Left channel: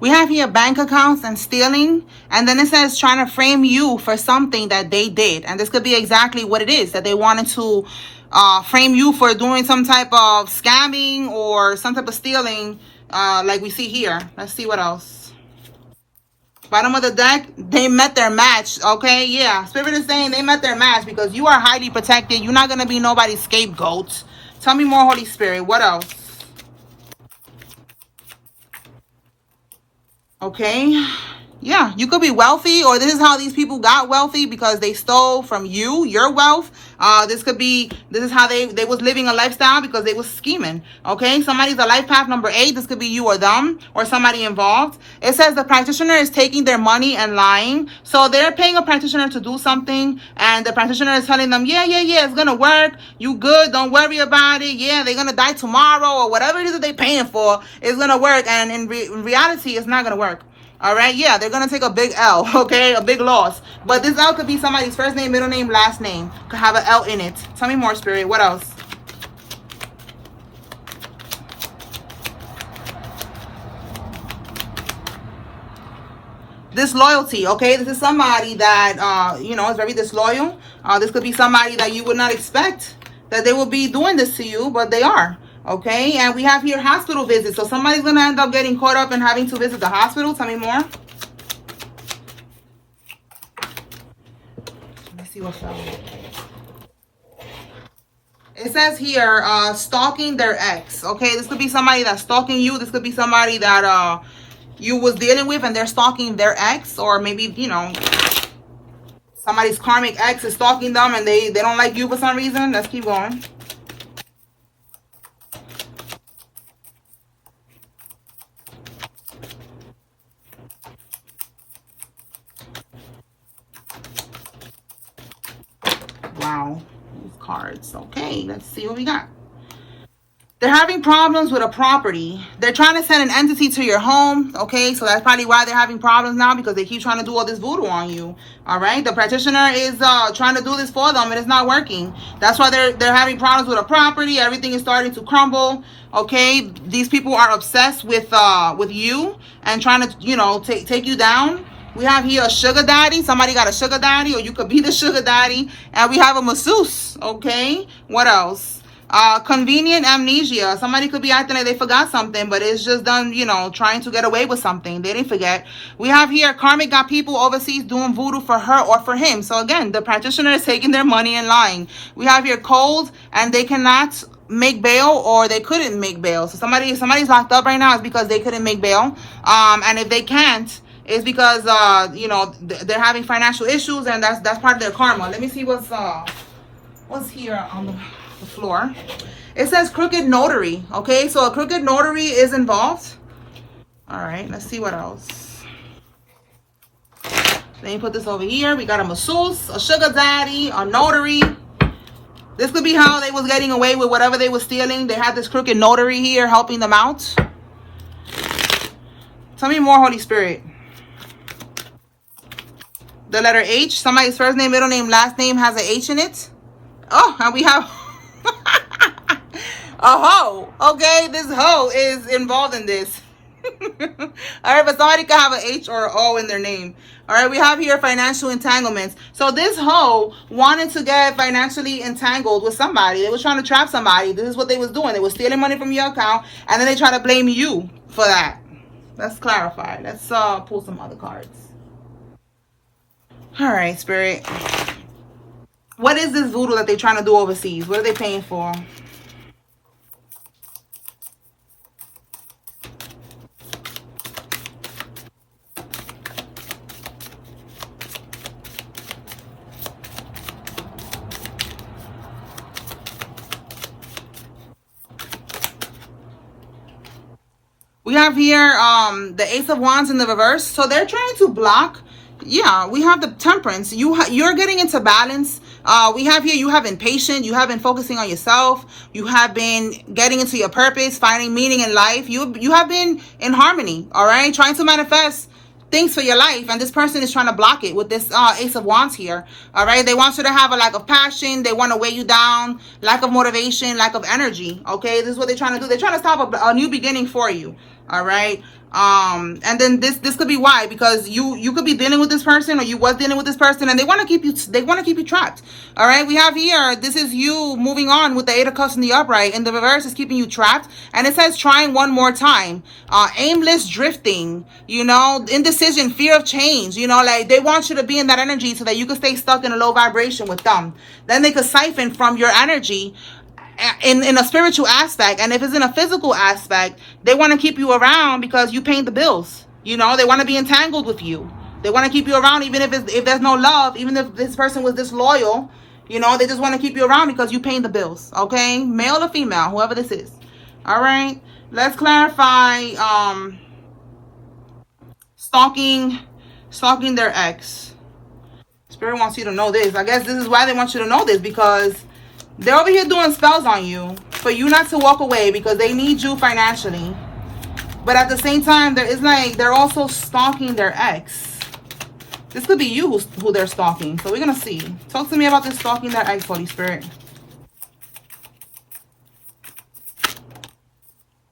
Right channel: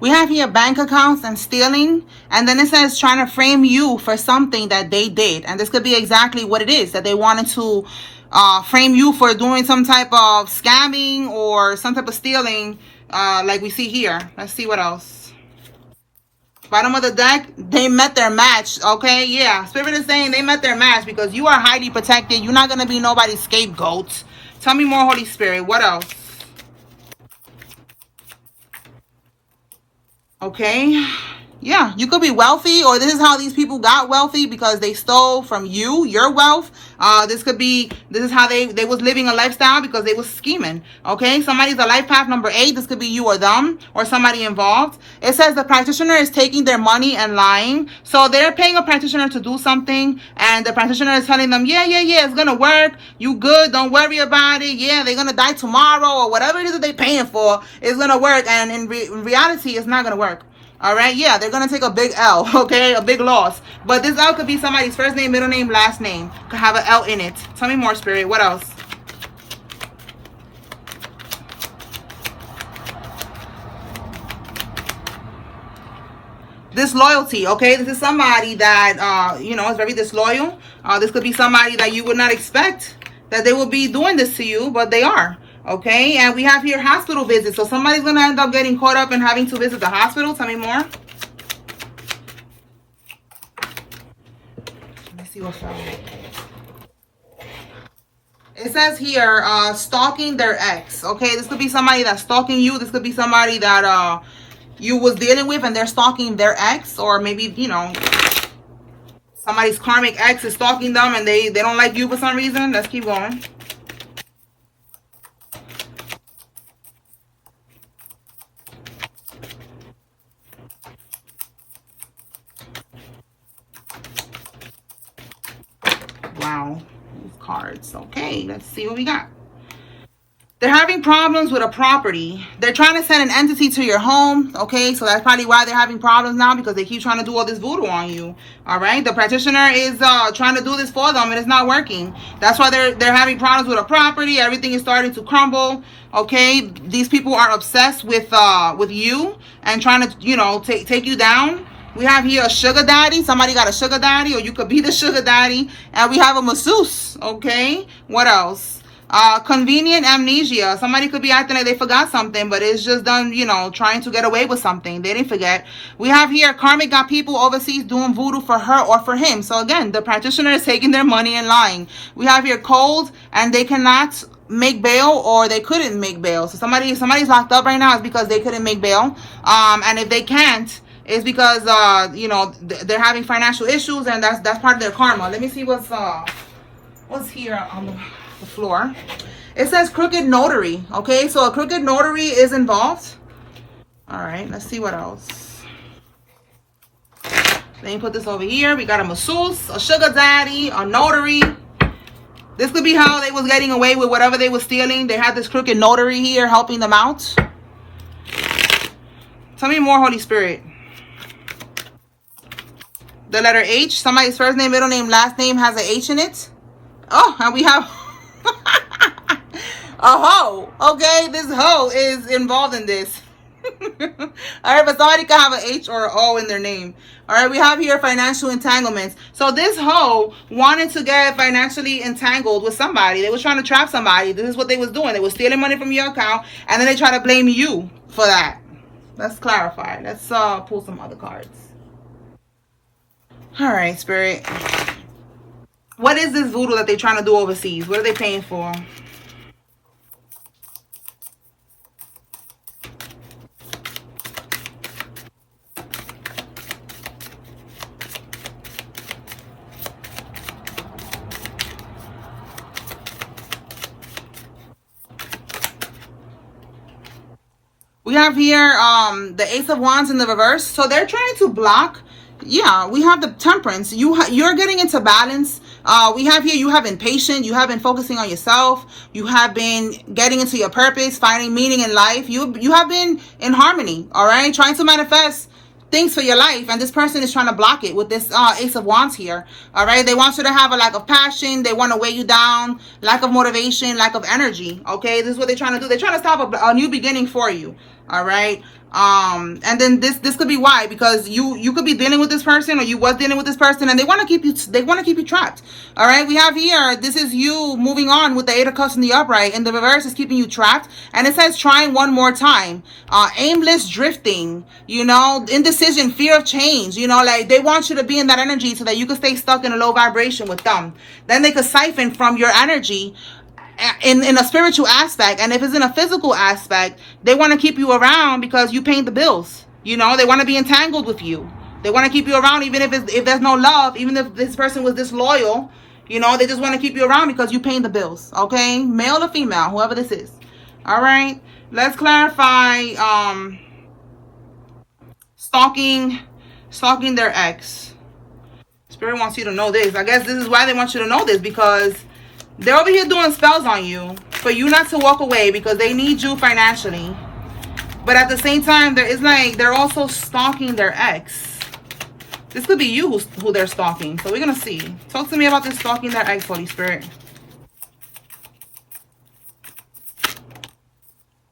We have here bank accounts and stealing, and then it says trying to frame you for something that they did. And this could be exactly what it is, that they wanted to frame you for doing some type of scamming or some type of stealing, like we see here. Let's see what else. Bottom of the deck, they met their match. Okay, yeah, Spirit is saying they met their match because you are highly protected. You're not going to be nobody's scapegoat. Tell me more, Holy Spirit. What else? Okay, yeah, you could be wealthy, or this is how these people got wealthy, because they stole from you, your wealth. This is how they was living a lifestyle, because they was scheming. Okay, somebody's a life path number 8. This could be you or them, or somebody involved. It says the practitioner is taking their money and lying. So they're paying a practitioner to do something, and the practitioner is telling them, yeah, it's gonna work, you good, don't worry about it, yeah, they're gonna die tomorrow, or whatever it is that they're paying for, it's gonna work. And in reality, it's not gonna work. All right, yeah, they're gonna take a big L, okay, a big loss. But this L could be somebody's first name, middle name, last name. Could have an L in it. Tell me more, Spirit. What else? Disloyalty, okay? This is somebody that, you know, is very disloyal. This could be somebody that you would not expect that they will be doing this to you, but they are. Okay, and we have here hospital visits. So somebody's going to end up getting caught up and having to visit the hospital. Tell me more. Let me see what's wrong. It says here, stalking their ex. Okay, this could be somebody that's stalking you. This could be somebody that you was dealing with and they're stalking their ex. Or maybe, you know, somebody's karmic ex is stalking them and they don't like you for some reason. Let's keep going. Wow, these cards. Okay, let's see what we got. They're having problems with a property. They're trying to send an entity to your home. Okay, so that's probably why they're having problems now, because they keep trying to do all this voodoo on you. All right, the practitioner is trying to do this for them and it's not working. That's why they're having problems with a property. Everything is starting to crumble. Okay, these people are obsessed with you and trying to, you know, take you down. We have here a sugar daddy. Somebody got a sugar daddy, or you could be the sugar daddy. And we have a masseuse. Okay, what else? Convenient amnesia. Somebody could be acting like they forgot something, but it's just them, you know, trying to get away with something. They didn't forget. We have here karmic got people overseas doing voodoo for her or for him. So again, the practitioner is taking their money and lying. We have here cold, and they cannot make bail, or they couldn't make bail. So somebody's locked up right now is because they couldn't make bail. And if they can't, it's because you know, they're having financial issues, and that's part of their karma. Let me see what's here on the floor. It says crooked notary. Okay, so a crooked notary is involved. All right, let's see what else. Let me put this over here. We got a masseuse, a sugar daddy, a notary. This could be how they was getting away with whatever they were stealing. They had this crooked notary here helping them out. Tell me more, Holy Spirit. The letter H. Somebody's first name, middle name, last name has an H in it. Oh, and we have a hoe. Okay, this hoe is involved in this. All right, but somebody can have an H or an O in their name. All right, we have here financial entanglements. So this hoe wanted to get financially entangled with somebody. They was trying to trap somebody. This is what they was doing. They was stealing money from your account, and then they try to blame you for that. Let's clarify. Let's pull some other cards. All right, Spirit. What is this voodoo that they're trying to do overseas? What are they paying for? We have here the Ace of Wands in the reverse. So they're trying to block. Yeah, we have the Temperance. You're getting into balance. We have here, you have been patient. You have been focusing on yourself. You have been getting into your purpose, finding meaning in life. You have been in harmony, all right? Trying to manifest things for your life. And this person is trying to block it with this Ace of Wands here, all right? They want you to have a lack of passion. They want to weigh you down, lack of motivation, lack of energy, okay? This is what they're trying to do. They're trying to stop a new beginning for you, all right? And then this could be why, because you could be dealing with this person, or you was dealing with this person, and they want to keep you trapped. All right, we have here, this is you moving on with the 8 of Cups in the upright, and the reverse is keeping you trapped. And it says trying one more time, aimless drifting, you know, indecision, fear of change, you know, like they want you to be in that energy so that you can stay stuck in a low vibration with them. Then they could siphon from your energy in a spiritual aspect, and if it's in a physical aspect, they want to keep you around because you pay the bills. You know, they want to be entangled with you. They want to keep you around even if there's no love, even if this person was disloyal. You know, they just want to keep you around because you paying the bills. Okay, male or female, whoever this is. All right, let's clarify. Stalking their ex. Spirit wants you to know this. I guess this is why they want you to know this, because they're over here doing spells on you for you not to walk away because they need you financially. But at the same time, they're also stalking their ex. This could be you who they're stalking. So we're going to see. Talk to me about this stalking their ex, Holy Spirit.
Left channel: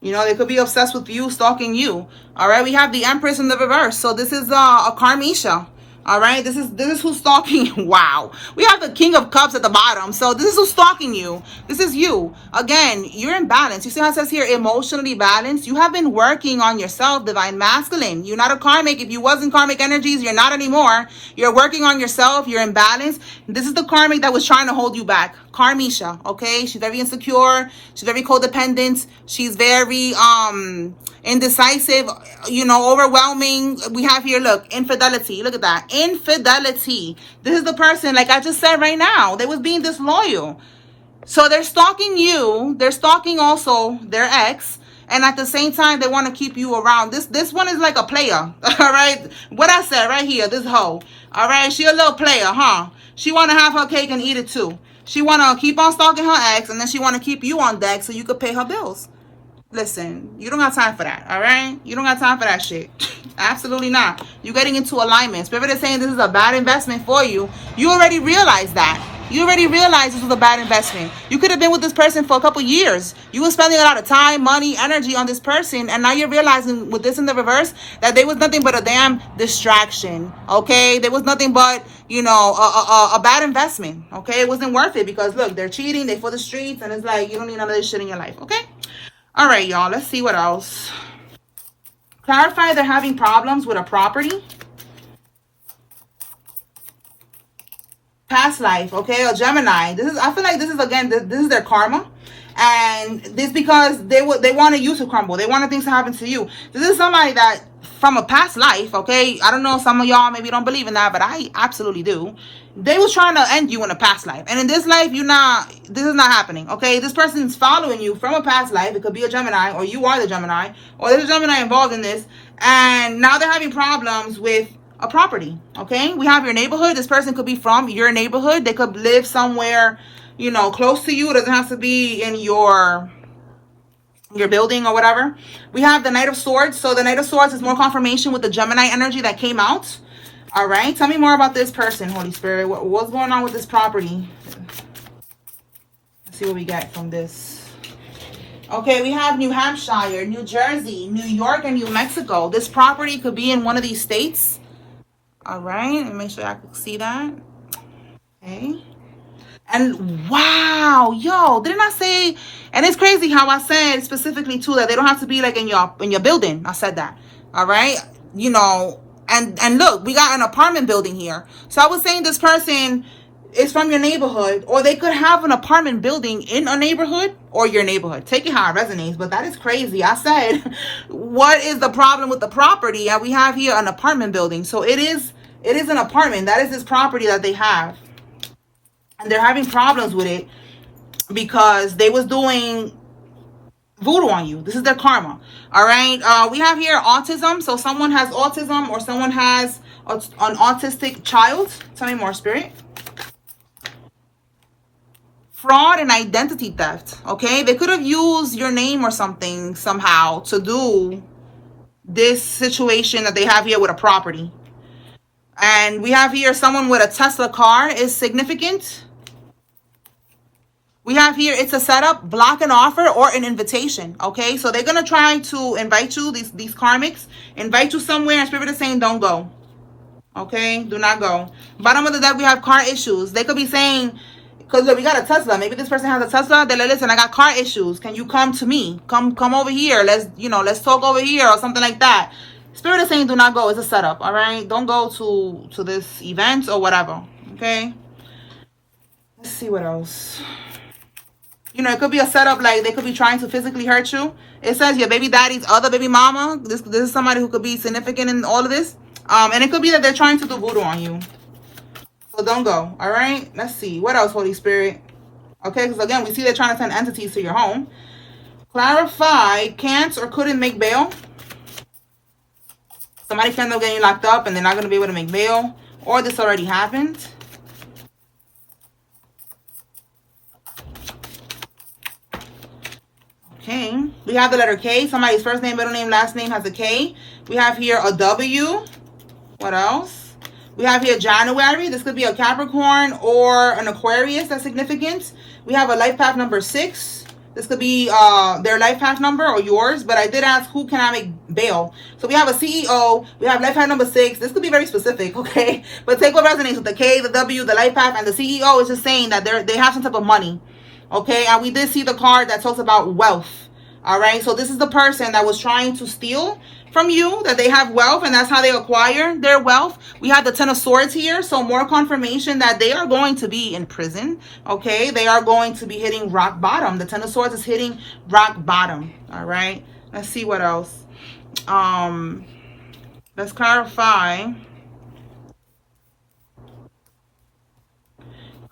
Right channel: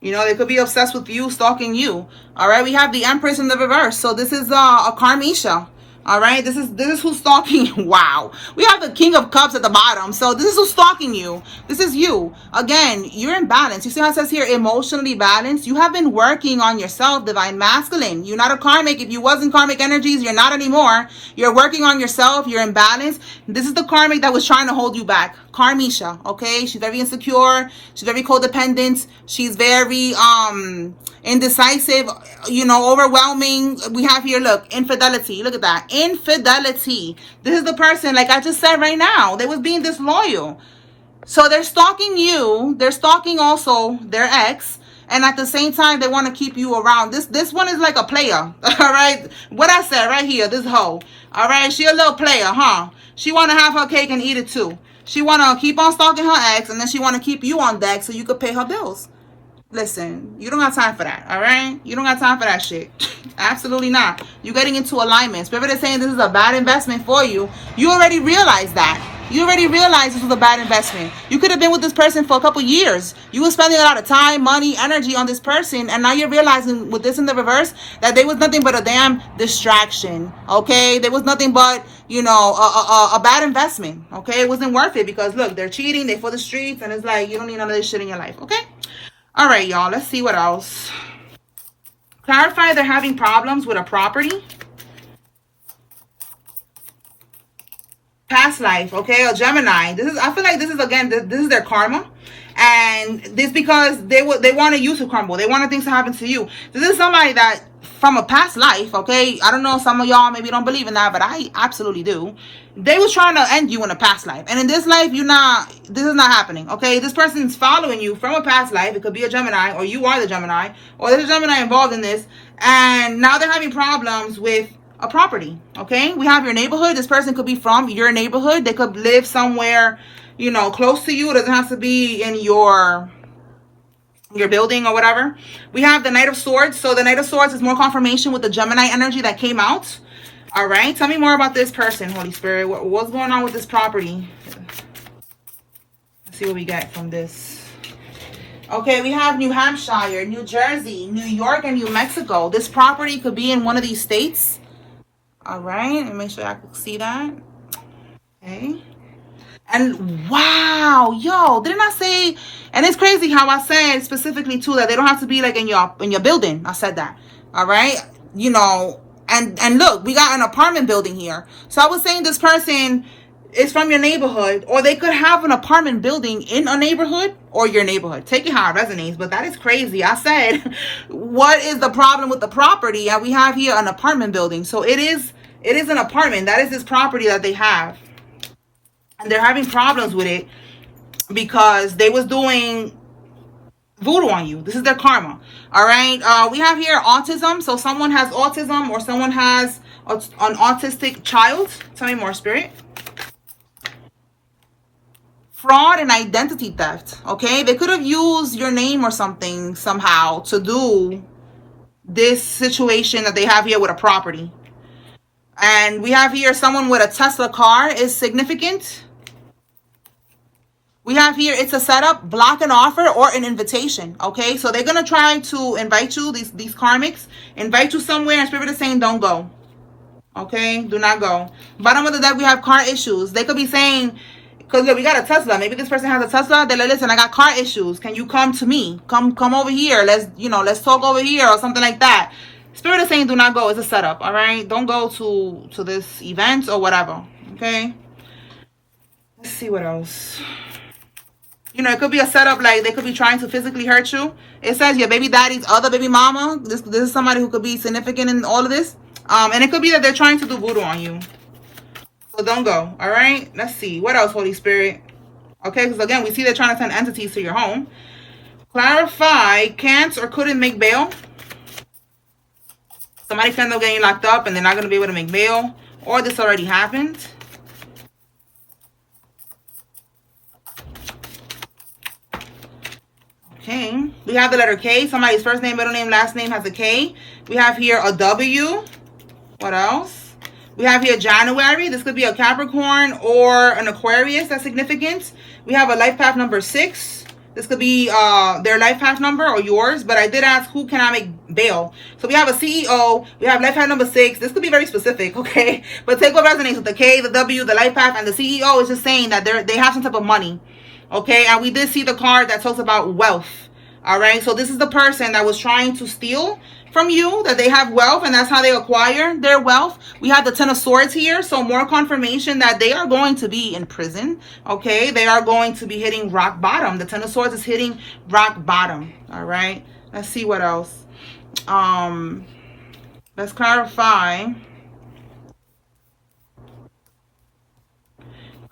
You know, they could be obsessed with you, stalking you. All right, we have the Empress in the reverse. So this is a Karmisha. All right, this is who's stalking you. Wow. We have the King of Cups at the bottom. So this is who's stalking you. This is you. Again, you're in balance. You see how it says here, emotionally balanced? You have been working on yourself, Divine Masculine. You're not a karmic. If you wasn't karmic energies, you're not anymore. You're working on yourself. You're in balance. This is the karmic that was trying to hold you back. Karmisha, okay? She's very insecure. She's very codependent. She's very indecisive, you know, overwhelming. We have here, look, infidelity. Look at that. Infidelity. This is the person, like I just said right now, they was being disloyal. So they're stalking you. They're stalking also their ex. And at the same time, they want to keep you around. This one is like a player. All right. What I said right here, this hoe. All right. She a little player, huh? She want to have her cake and eat it too. She want to keep on stalking her ex, and then she want to keep you on deck so you could pay her bills. Listen, you don't have time for that, all right? You don't have time for that shit. Absolutely not. You're getting into alignment. Spirit is saying this is a bad investment for you. You already realized that. You already realized this was a bad investment. You could have been with this person for a couple years. You were spending a lot of time, money, energy on this person, and now you're realizing with this in the reverse that there was nothing but a damn distraction, okay? There was nothing but, you know, a bad investment, okay? It wasn't worth it because, look, they're cheating, they're for the streets, and it's like, you don't need none of this shit in your life, okay? All right, y'all, let's see what else. Clarify they're having problems with a property. Past life, okay, a Gemini. I feel like this is, again, this is their karma. And this because they wanted you to crumble. They wanted things to happen to you. This is somebody that from a past life, okay? I don't know, some of y'all maybe don't believe in that, but I absolutely do. They was trying to end you in a past life. And in this life, this is not happening, okay? This person's following you from a past life. It could be a Gemini, or you are the Gemini, or there's a Gemini involved in this. And now they're having problems with a property, okay? We have your neighborhood. This person could be from your neighborhood. They could live somewhere, you know, close to you. It doesn't have to be in your building or whatever. We have the Knight of Swords. So the Knight of Swords is more confirmation with the Gemini energy that came out. All right. Tell me more about this person, Holy Spirit. What's going on with this property? Let's see what we get from this. Okay, we have New Hampshire, New Jersey, New York, and New Mexico. This property could be in one of these states. All right. Let me make sure I can see that. Okay. And wow, yo, didn't I say? And it's crazy how I said specifically too that they don't have to be like in your building. I said that. All right, you know, and look, we got an apartment building here. So I was saying this person is from your neighborhood, or they could have an apartment building in a neighborhood or your neighborhood. Take it how it resonates, but that is crazy. I said, what is the problem with the property? And we have here an apartment building. So it is an apartment. That is this property that they have. And they're having problems with it because they was doing voodoo on you. This is their karma. All right. We have here autism. So someone has autism or someone has an autistic child. Tell me more, Spirit. Fraud and identity theft. Okay. They could have used your name or something somehow to do this situation that they have here with a property. And we have here someone with a Tesla car is significant. We have here, it's a setup, block an offer, or an invitation, okay? So they're going to try to invite you, these karmics, invite you somewhere, and Spirit is saying, don't go, okay? Do not go. Bottom of the deck, we have car issues. They could be saying, because look, we got a Tesla. Maybe this person has a Tesla. They're like, listen, I got car issues. Can you come to me? Come over here. Let's talk over here or something like that. Spirit is saying, do not go. It's a setup, all right? Don't go to this event or whatever, okay? Let's see what else. You know, it could be a setup, like they could be trying to physically hurt you. It says your baby daddy's other baby mama. This is somebody who could be significant in all of this. And it could be that they're trying to do voodoo on you. So don't go, all right? Let's see. What else, Holy Spirit? Okay, because again, we see they're trying to send entities to your home. Clarify, can't or couldn't make bail. Somebody can end up getting locked up and they're not going to be able to make bail. Or this already happened. Okay, we have the letter K. Somebody's first name, middle name, last name has a K. We have here a W. What else? We have here January. This could be a Capricorn or an Aquarius. That's significant. We have a life path number 6. This could be their life path number or yours. But I did ask who can I make bail. So we have a CEO. We have life path number 6. This could be very specific, okay? But take what resonates with the K, the W, the life path, and the CEO is just saying that they have some type of money. Okay, and we did see the card that talks about wealth. All right, so this is the person that was trying to steal from you, that they have wealth, and that's how they acquire their wealth. We have the Ten of Swords here, so more confirmation that they are going to be in prison. Okay, they are going to be hitting rock bottom. The Ten of Swords is hitting rock bottom. All right, let's see what else. Let's clarify.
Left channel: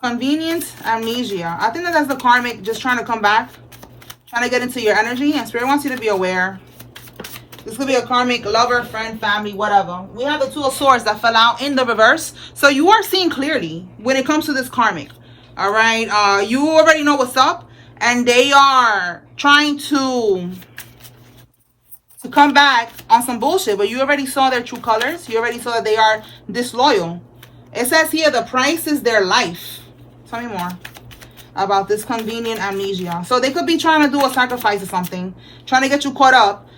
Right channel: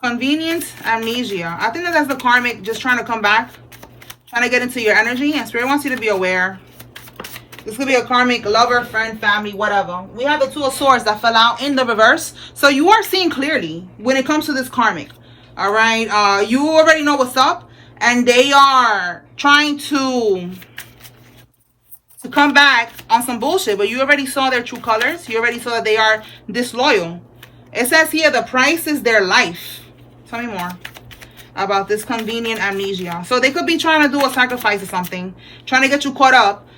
Convenience, amnesia. I think that's the karmic just trying to come back, trying to get into your energy, and Spirit wants you to be aware. This could be a karmic lover, friend, family, whatever. We have the Two of Swords that fell out in the reverse. So you are seeing clearly when it comes to this karmic. All right. You already know what's up, and they are trying to come back on some bullshit, but you already saw their true colors. You already saw that they are disloyal. It says here the price is their life. Tell me more about this convenient amnesia. So they could be trying to do a sacrifice or something, trying to get you caught up,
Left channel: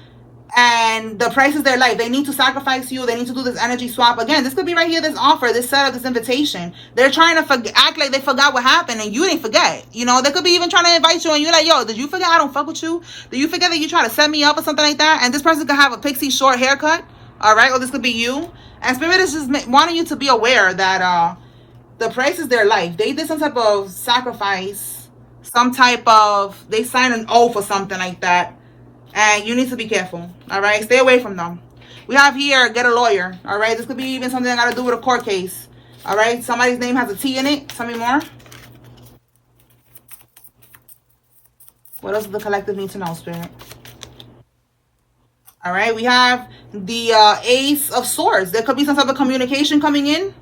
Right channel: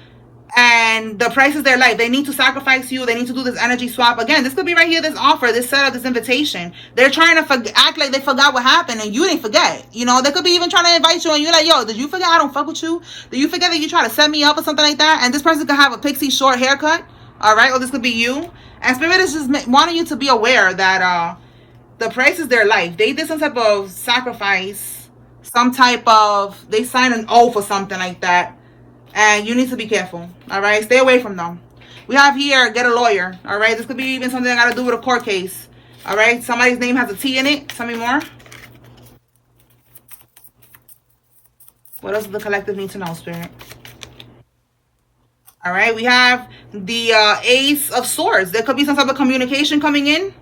and the price is their life. They need to sacrifice you. They need to do this energy swap. Again, this could be right here, this offer, this setup, this invitation. They're trying to act like they forgot what happened, and you didn't forget. You know, they could be even trying to invite you, and you're like, yo, did you forget I don't fuck with you? Did you forget that you try to set me up or something like that? And this person could have a pixie short haircut, all right? Or this could be you. And Spirit is just wanting you to be aware that the price is their life. They did some type of sacrifice, some type of, they signed an oath or something like that. And you need to be careful, all right? Stay away from them. We have here, get a lawyer, all right? This could be even something that got to do with a court case, all right? Somebody's name has a T in it. Tell me more. What else does the collective need to know, Spirit? All right, we have the Ace of Swords. There could be some type of communication coming in.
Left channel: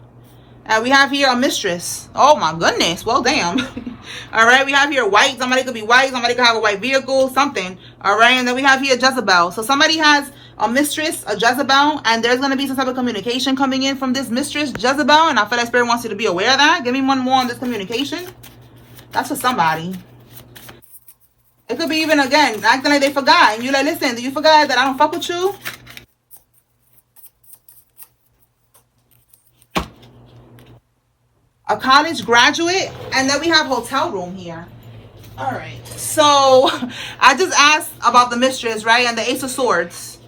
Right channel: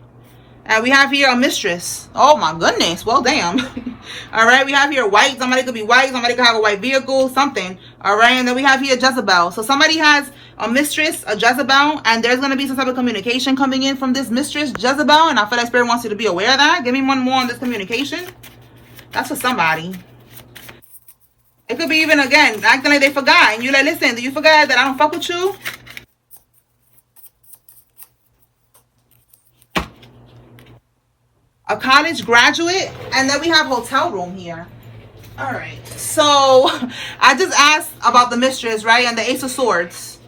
And we have here a mistress. Oh my goodness. Well, damn. All right. We have here white. Somebody could be white. Somebody could have a white vehicle, something. All right. And then we have here Jezebel. So somebody has a mistress, a Jezebel, and there's going to be some type of communication coming in from this mistress, Jezebel. And I feel like Spirit wants you to be aware of that. Give me one more on this communication. That's for somebody. It could be even, again, acting like they forgot. And you're like, listen, do you forget that I don't fuck with you? A college graduate, and then we have hotel room here. All right, so I just asked about the mistress, right, and the Ace of Swords.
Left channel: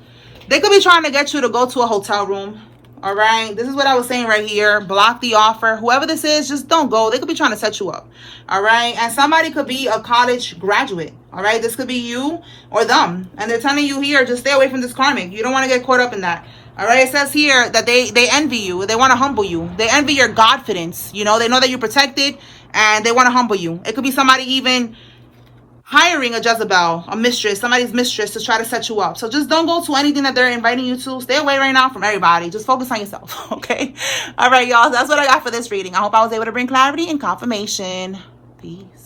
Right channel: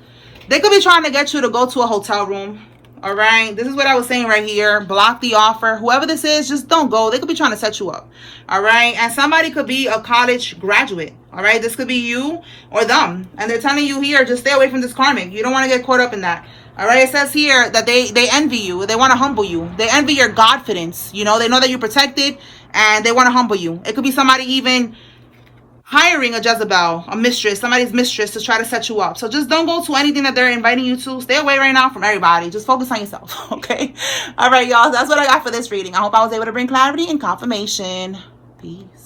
They could be trying to get you to go to a hotel room. All right, this is what I was saying right here. Block the offer. Whoever this is, just don't go. They could be trying to set you up. All right, and somebody could be a college graduate. All right, this could be you or them, and they're telling you here, just stay away from this karmic. You don't want to get caught up in that. All right, it says here that they envy you. They want to humble you. They envy your confidence. You know, they know that you're protected, and they want to humble you. It could be somebody even hiring a Jezebel, a mistress, somebody's mistress to try to set you up. So just don't go to anything that they're inviting you to. Stay away right now from everybody. Just focus on yourself, okay? All right, y'all. That's what I got for this reading. I hope I was able to bring clarity and confirmation. Peace.